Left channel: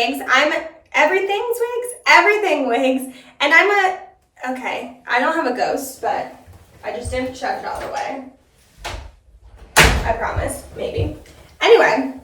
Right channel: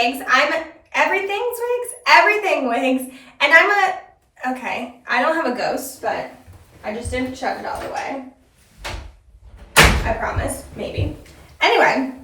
Wigs. I'm everything Wigs. And okay, I don't have a ghost, but I just didn't shove it out of the way. I promise, maybe. Anyway,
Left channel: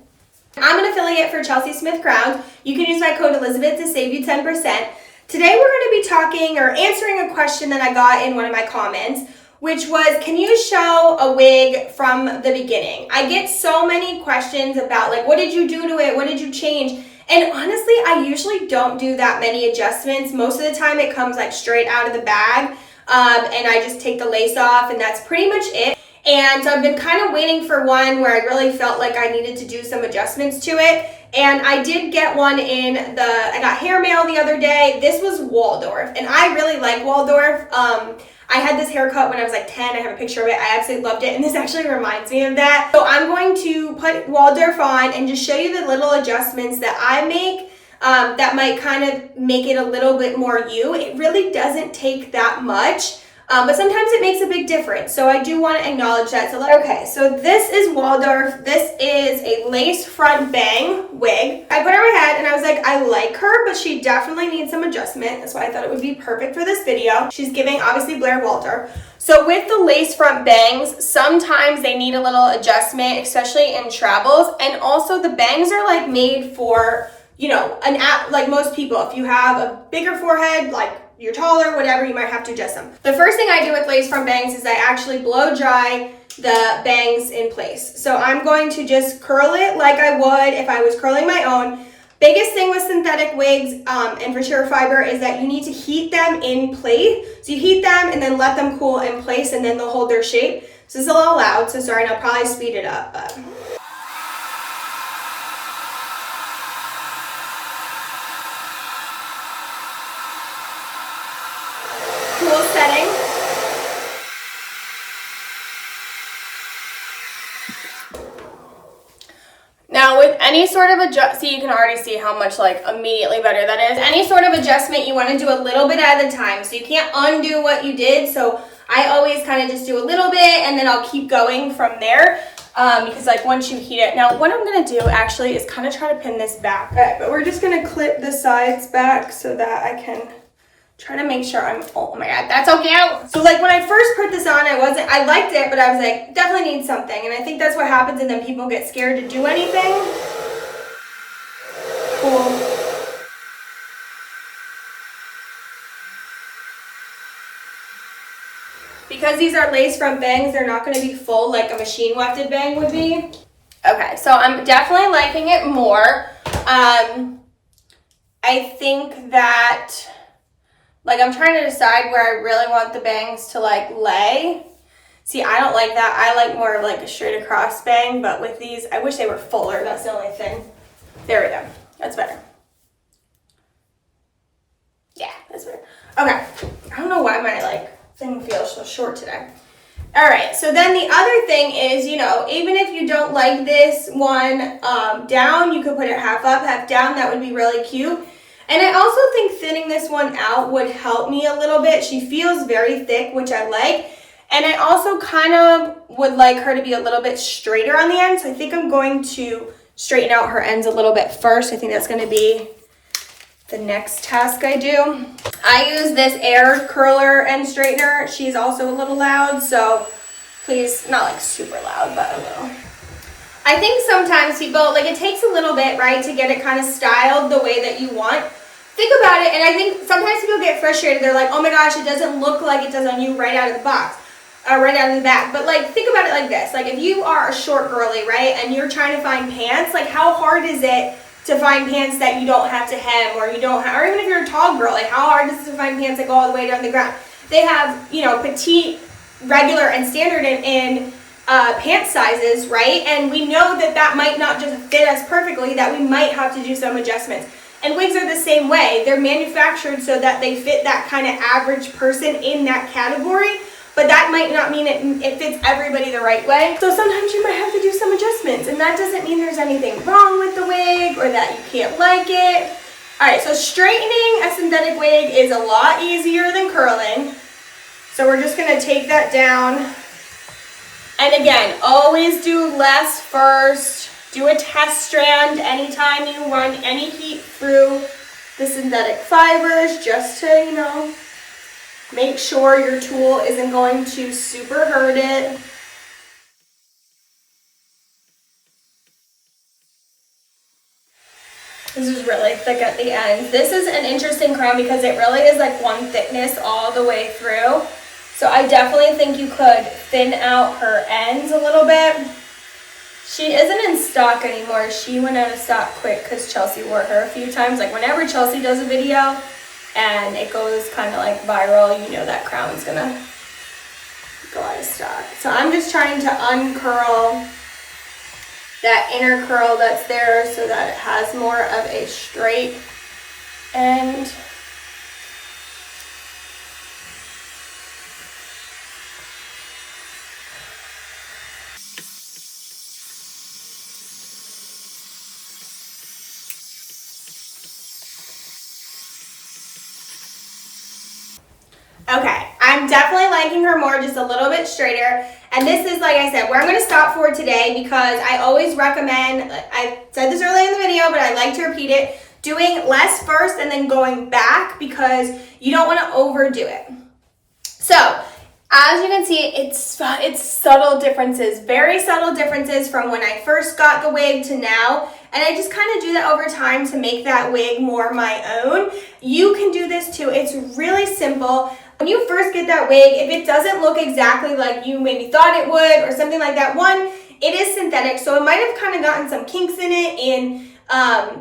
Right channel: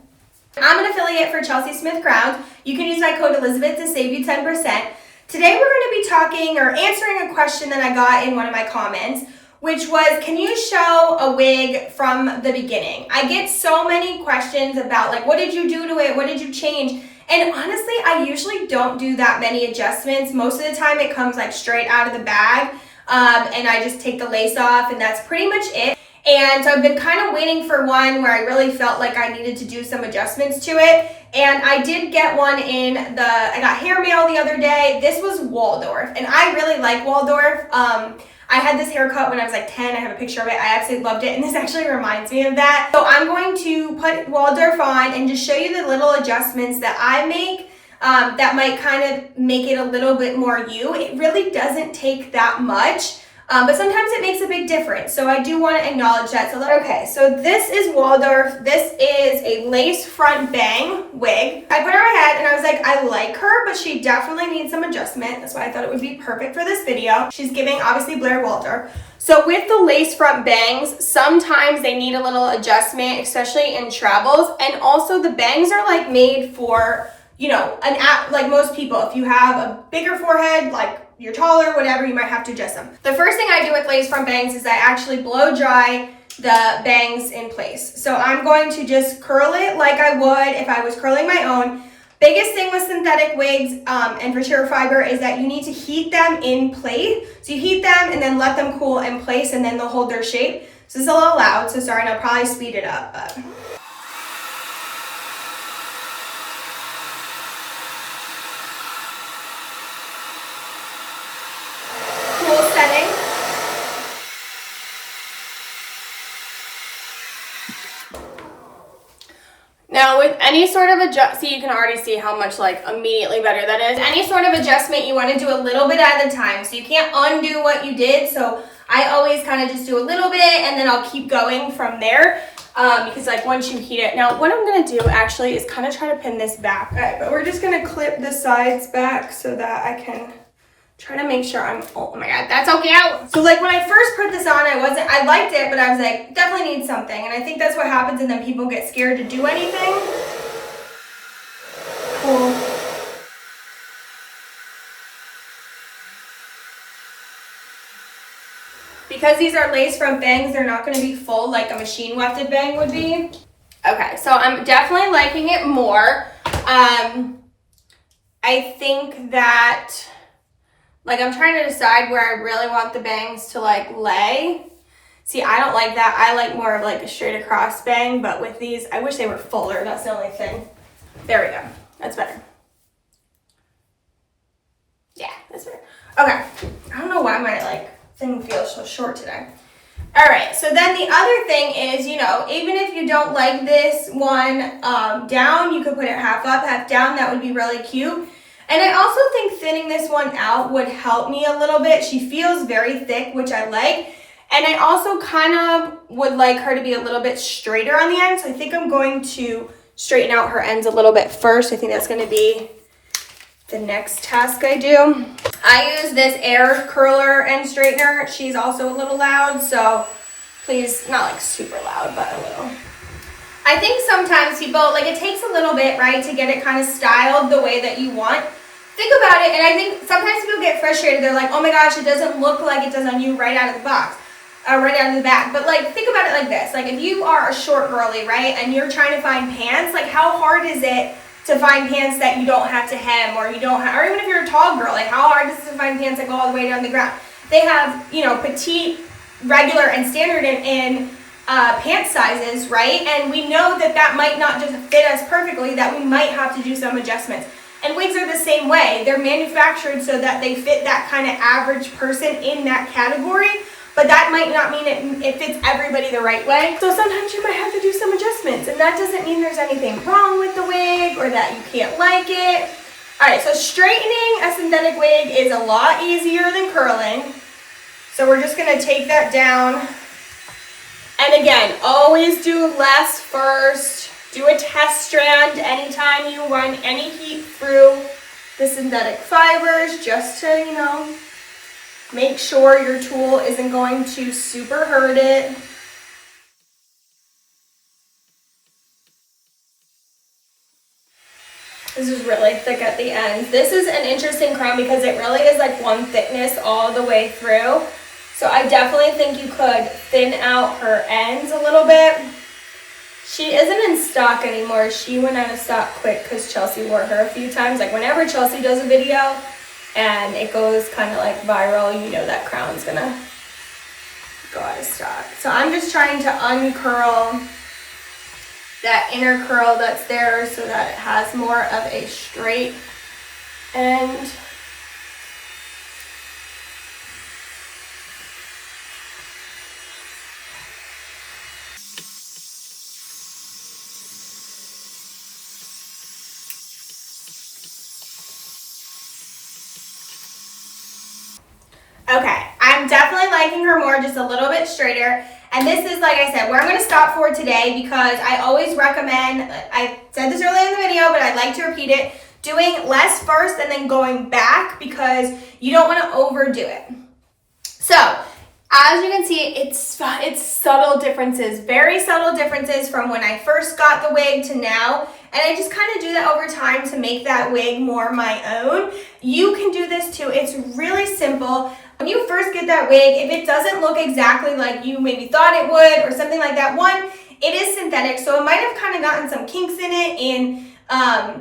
I'm an affiliate for Chelsea Smith Crown. You can use my code Elizabeth to save you 10%. Today we're going to be talking or answering a question that I got in one of my comments, which was, can you show a wig from the beginning? I get so many questions about like, what did you do to it? What did you change? And honestly, I usually don't do that many adjustments. Most of the time it comes like straight out of the bag, and I just take the lace off, and that's pretty much it. And so I've been kind of waiting for one where I really felt like I needed to do some adjustments to it. And I did get one I got hair mail the other day. This was Waldorf, and I really like Waldorf. I had this haircut when I was like 10. I have a picture of it. I absolutely loved it, and this actually reminds me of that. So I'm going to put Waldorf on and just show you the little adjustments that I make that might kind of make it a little bit more you. It really doesn't take that much, but sometimes it makes a big difference. So I do want to acknowledge that. Okay, so this is Waldorf. This is a lace front bang wig. I put her on my head and I was like, I like her, but she definitely needs some adjustment. That's why I thought it would be perfect for this video. She's giving obviously Blair Waldorf. So with the lace front bangs, sometimes they need a little adjustment, especially in travels. And also the bangs are like made for, you know, like most people. If you have a bigger forehead, like you're taller, whatever, you might have to adjust them. The first thing I do with lace front bangs is I actually blow dry the bangs in place. So I'm going to just curl it like I would if I was curling my own. Biggest thing with synthetic wigs and for sheer fiber is that you need to heat them in place. So you heat them and then let them cool in place, and then they'll hold their shape. So it's a little loud, so sorry, and I'll probably speed it up, but. Cool setting. Now with any sort of see, you can already see how much like immediately better that is. Any sort of adjustment you want to do a little bit at a time, so you can't undo what you did. So I always kind of just do a little bit and then I'll keep going from there, because like once you heat it. Now what I'm going to do actually is kind of try to pin this back. Okay, but we're just going to clip the sides back so that I can try to make sure oh my god, that's so cute. So like when I first put this on, I liked it, but I was like, definitely need something. And I think that's what happens, and then people get scared to do anything. Cool. Because these are lace front bangs, they're not gonna be full like a machine wefted bang would be. Okay, so I'm definitely liking it more. I think that, like, I'm trying to decide where I really want the bangs to like lay. See, I don't like that. I like more of like a straight across bang, but with these, I wish they were fuller. That's the only thing. There we go. That's better. Yeah, that's better. Okay. I don't know why my like thing feels so short today. All right, so then the other thing is, you know, even if you don't like this one down, you could put it half up, half down. That would be really cute. And I also think thinning this one out would help me a little bit. She feels very thick, which I like. And I also kind of would like her to be a little bit straighter on the end. So I think I'm going to straighten out her ends a little bit first. I think that's going to be the next task I do. I use this air curler and straightener. She's also a little loud, so please, not like super loud, but a little. I think sometimes people, like, it takes a little bit, right, to get it kind of styled the way that you want. Think about it, and I think sometimes people get frustrated. They're like, oh my gosh, it doesn't look like it does on you right out of the box, or right out of the back. But like, think about it like this. Like, if you are a short girly, right, and you're trying to find pants, like, how hard is it to find pants that you don't have to hem, or you don't have, or even if you're a tall girl, like, how hard is it to find pants that go all the way down the ground? They have, you know, petite, regular, and standard in pant sizes, right? And we know that that might not just fit us perfectly, that we might have to do some adjustments. And wigs are the same way. They're manufactured so that they fit that kind of average person in that category, but that might not mean it fits everybody the right way. So sometimes you might have to do some adjustments, and that doesn't mean there's anything wrong with the wig or that you can't like it. All right, so straightening a synthetic wig is a lot easier than curling. So we're just gonna take that down. And again, always do less first. Do a test strand anytime you run any heat through the synthetic fibers, just to, you know, make sure your tool isn't going to super hurt it. This is really thick at the end. This is an interesting crown because it really is like one thickness all the way through. So I definitely think you could thin out her ends a little bit. She isn't in stock anymore. She went out of stock quick because Chelsea wore her a few times. Like whenever Chelsea does a video and it goes kind of like viral, you know that crown's gonna go out of stock. So I'm just trying to uncurl that inner curl that's there so that it has more of a straight end. Okay, I'm definitely liking her more, just a little bit straighter. And this is, like I said, where I'm going to stop for today because I always recommend, I said this earlier in the video, but I like to repeat it, doing less first and then going back because you don't want to overdo it. So, as you can see, it's subtle differences, very subtle differences from when I first got the wig to now. And I just kind of do that over time to make that wig more my own. You can do this too. It's really simple. When you first get that wig, if it doesn't look exactly like you maybe thought it would or something like that, one, it is synthetic, so it might have kind of gotten some kinks in it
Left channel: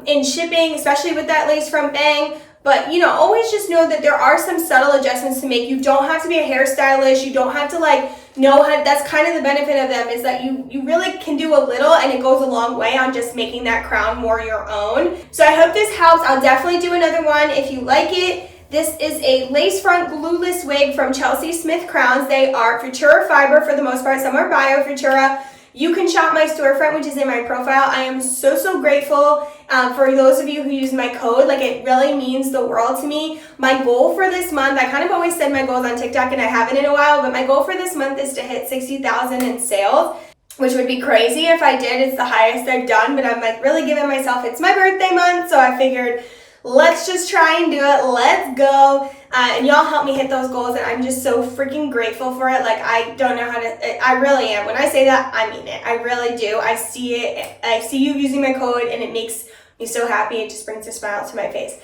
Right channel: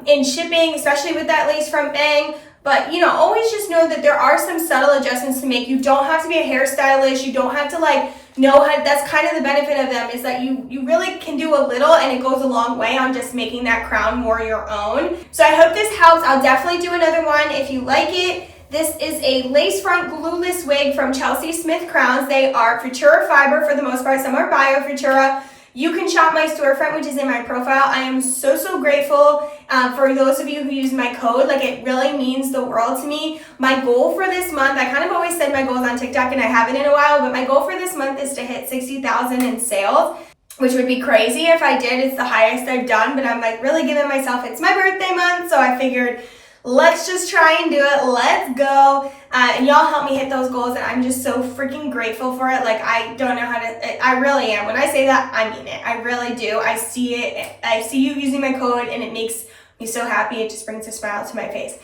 in shipping, especially with that lace front bang. But, you know, always just know that there are some subtle adjustments to make. You don't have to be a hairstylist. You don't have to, like, know how. That's kind of the benefit of them, is that you really can do a little and it goes a long way on just making that crown more your own. So I hope this helps. I'll definitely do another one if you like it. This is a lace front glueless wig from Chelsea Smith Crowns. They are Futura fiber for the most part. Some are Bio Futura. You can shop my storefront, which is in my profile. I am so grateful for those of you who use my code. Like, it really means the world to me. My goal for this month, I kind of always said my goals on TikTok and I haven't in a while, but my goal for this month is to hit 60,000 in sales, which would be crazy if I did. It's the highest I've done, but I'm like really giving myself, it's my birthday month, so I figured let's just try and do it. Let's go. And y'all help me hit those goals, and I'm just so freaking grateful for it. Like, I don't know how to, I really am. When I say that, I mean it. I really do. I see it. I see you using my code, and it makes me so happy. It just brings a smile to my face.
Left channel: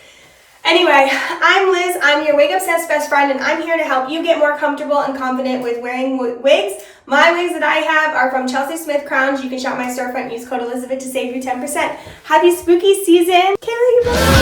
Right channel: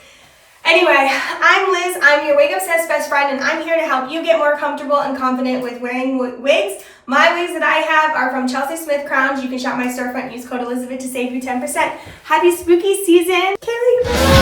Anyway, I'm Liz. I'm your wig obsessed best friend, and I'm here to help you get more comfortable and confident with wearing wigs. My wigs that I have are from Chelsea Smith Crowns. You can shop my storefront and use code Elizabeth to save you 10%. Happy spooky season. Kaylee, bye.